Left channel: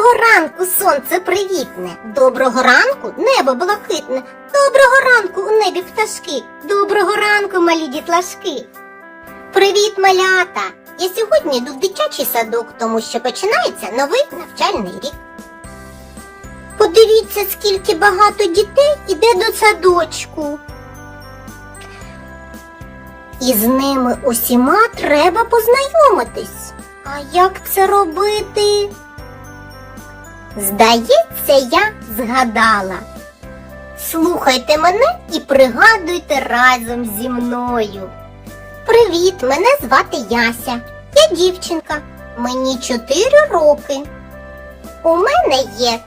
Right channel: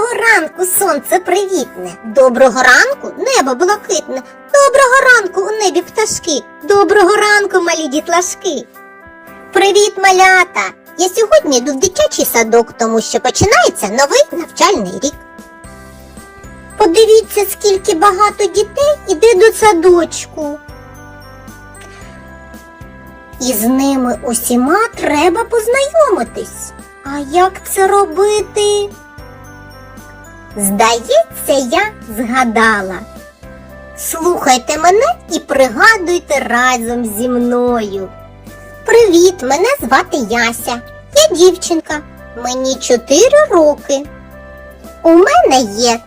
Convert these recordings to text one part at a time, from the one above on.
Доброго ранку, сонце привітне. Доброго ранку, небо блакитне. Доброго ранку у небі пташки. Доброго ранку, малі дітлашки. Привіт, малята! Я сьогодні йду в дитячий садок, тому що починається новий навчальний рік. Подивіться, скільки багато дітей іде до садочку. І з ними усіма треба познайомитись. А як це робити? Здається, я згадала. Слухайте мене і пригадуйте разом зі мною. Привіт, мене звати Яся. Я дівчинка. Мені 4 роки. У мене є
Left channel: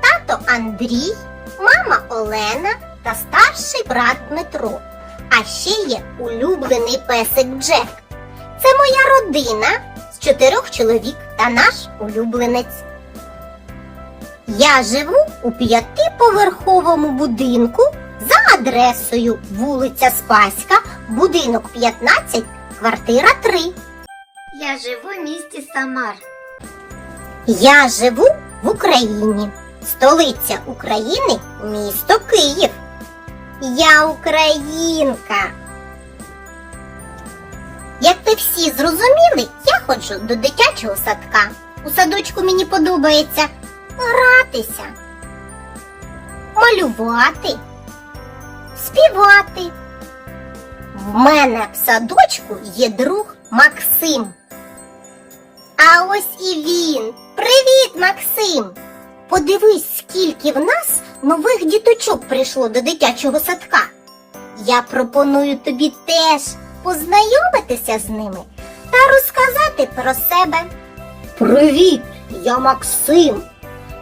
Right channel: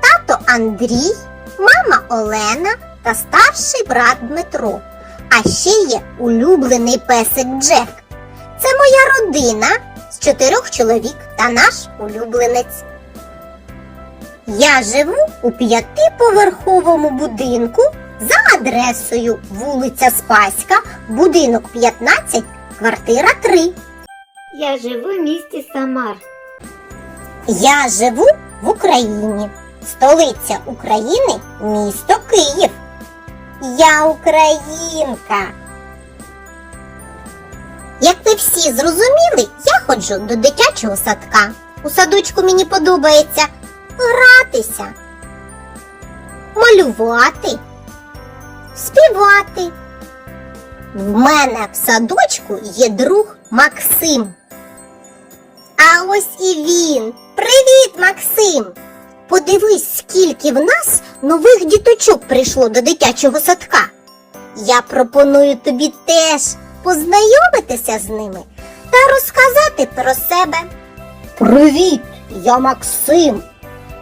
тато Андрій, мама Олена та старший брат Дмитро. А ще є улюблений песик Джек. Це моя родина з чотирьох чоловік та наш улюбленець. Я живу у п'ятиповерховому будинку за адресою вулиця Спаська, будинок 15, квартира 3. Я живу в місті Самар. Я живу в Україні. Столиця України місто Київ. Я українка. Як ви всі зрозуміли, я ходжу до дитячого садка. У садочку мені подобається гратися, малювати, співати. В мене в садочку є друг Максим. А ось і він. Привіт, Максим! Подивись, скільки в нас нових діточок прийшло до дитячого садка. Я пропоную тобі теж познайомитися з ними та розказати про себе. Привіт, я Максим.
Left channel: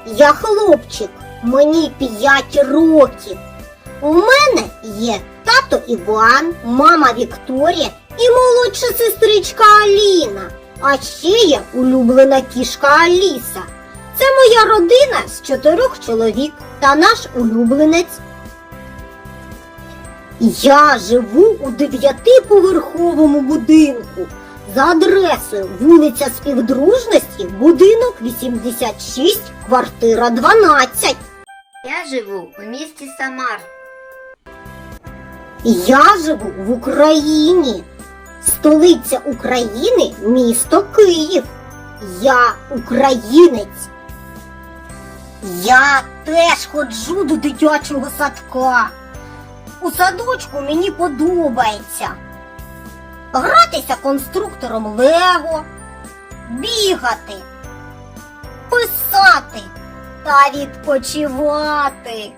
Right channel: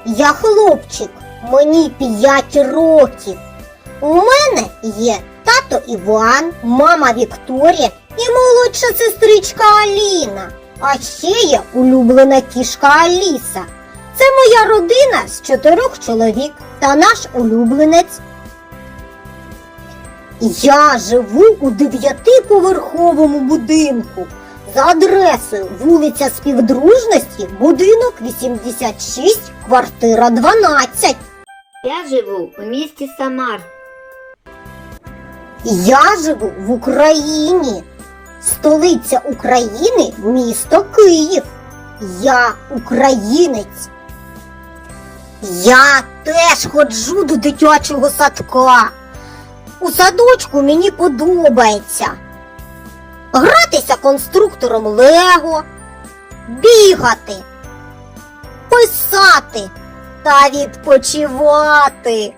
Я хлопчик, мені 5 років. У мене є тато Іван, мама Вікторія і молодша сестричка Аліна. А ще є улюблена кішка Аліса. Це моя родина з чотирьох чоловік та наш улюбленець. Я живу у дев'ятиповерховому будинку за адресою вулиця Співдружності, будинок 86, квартира 12. Я живу у місті Самар. Я живу в Україні. Столиця України місто Київ. Я українець. Я теж ходжу до дитячого садка. У садочку мені подобається. Гратися конструктором Лего, бігати, писати та відпочивати.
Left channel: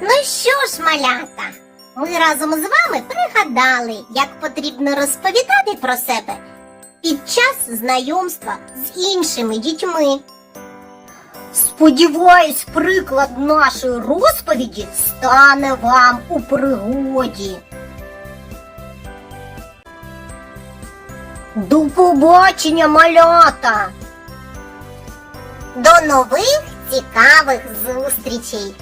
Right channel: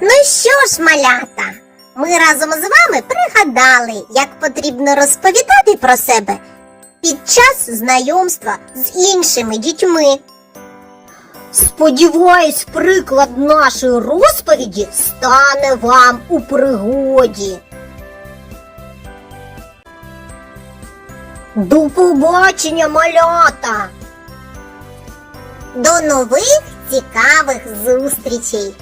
Ну що ж, малята, ми разом з вами пригадали, як потрібно розповідати про себе під час знайомства з іншими дітьми. Сподіваюсь, приклад нашої розповіді стане вам у пригоді. До побачення, малята! До нових цікавих зустрічей!